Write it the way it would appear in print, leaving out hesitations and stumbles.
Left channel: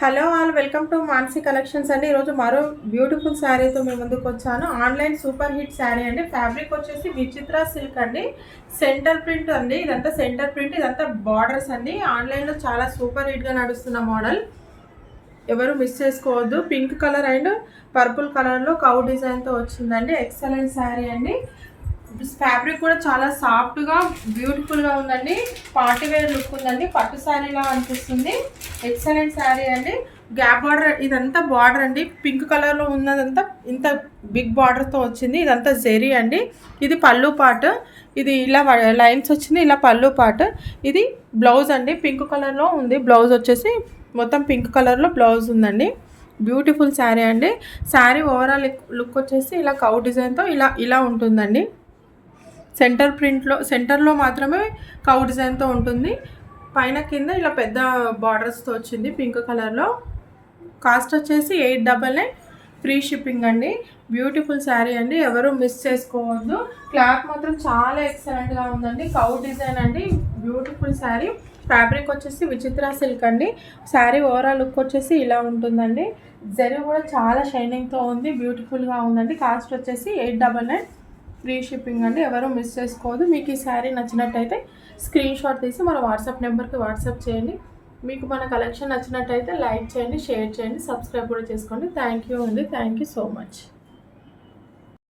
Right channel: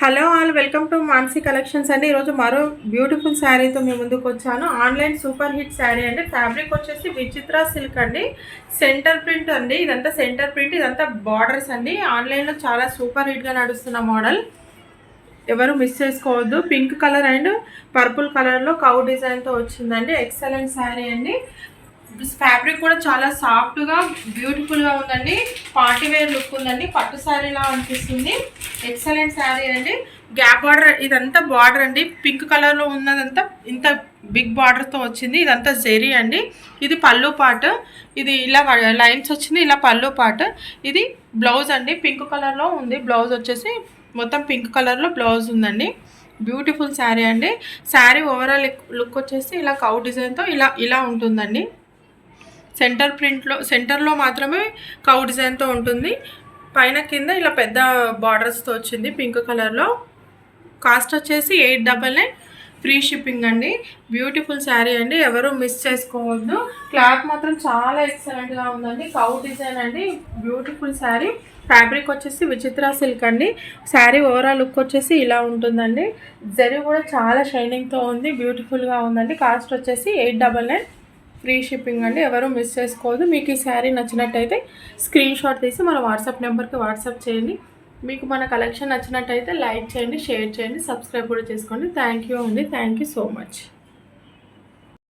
Hello all welcome to Mansi collections అండి. ఈరోజు మరో బ్యూటిఫుల్ శారీతో మీ ముందుకు వచ్చాను. ఆన్లైన్ సూపర్ హిట్ శారీ అండి. ఫ్యాబ్రిక్ వచ్చేసి విచిత్ర సిల్క్ అండి. సెంటర్ ప్రింట్ అండి. ఇదంతా సెంటర్ ప్రింట్, ఇదంతా బార్డర్స్ అండి. ఆన్లైన్లో చాలా సూపర్ హిట్గా నడుస్తున్న మోడల్, ఎవరు మిస్ చేసుకోవద్దు. పింక్ కలర్ అండ్ పర్పుల్ కలర్లో కౌ డిజైన్తో వచ్చిందండి. ఎక్సలెంట్ శారీ అండి. ఫ్యాబ్రిక్ కూడా చాలా సాఫ్ట్గా బ్యూటిఫుల్గా ఉందండి. పార్టీ వేర్ లుక్ ఉందండి. పట్టు శారీలా అనిపిస్తుంది. ఎక్సలెంట్ శారీ అండి. గ్యాప్ బార్డర్, ఇదంతా బార్డర్ అండి. పింక్ కలర్లో ఉన్నదంతా ఇంత బిగ్ బార్డర్తో వచ్చింది. ఇదంతా జెరీ అండి. ఇది పళ్ళు పార్ట్, ఇది ఇలా లైన్స్ వచ్చింది. ఇలా పళ్ళు పార్ట్, ఇది బ్లౌజ్ అండి. పింక్ కలర్లో ఉంది బ్లౌజ్ వచ్చేసి. మొత్తం పింక్ కలర్లో బ్లౌజ్ ఉందండి. బ్యూటిఫుల్ శారీ అండి. శారీ ఓవరాల్ లుక్ వచ్చేసి ఇలా కౌ డిజైన్తో ఇలా ఉంటుందండి. సెంటర్లో మాత్రమే కౌ డిజైన్తో ఉంటుంది. పైన కింద ఇలా పెద్ద బార్డర్స్తో వచ్చింది పింక్ కలర్లో. కాస్ట్ వచ్చేసి 899, ఫ్రీ షిప్పింగ్ అండి. బ్యూటిఫుల్ శారీ అండి, ఎవరు మిస్ చేసుకోవద్దు. క్లాత్ మాత్రం చాలా ఎక్సలెంట్గా ఉందండి. కౌ డిజైన్ అండి. బ్యూటిఫుల్ శారీ. ఫ్యాబ్రిక్ వచ్చేసి విచిత్ర సిల్క్ అండి. శారీ ఓవరాల్ లుక్ వచ్చేసి ఇలా ఉంటుందండి. జరీ కూడా చాలా షైనింగ్తో ఉంది, బ్యూటిఫుల్గా ఉందండి. కాస్ట్ వచ్చేసి 899, ఫ్రీ షిప్పింగ్ అండి. ఎవరు మిస్ చేసుకోవద్దు. మీకు ఈ శారీ నచ్చినట్టయితే స్క్రీన్ షాట్ తీసి మన వాట్సాప్ నెంబర్కి వాట్సాప్ చేయండి. మీకు మన కలెక్షన్ నచ్చినట్టయితే లైక్ చేయండి, షేర్ చేయండి, సబ్స్క్రైబ్ కూడా చేసుకోండి. థ్యాంక్ యూ అండి. Thank you so much.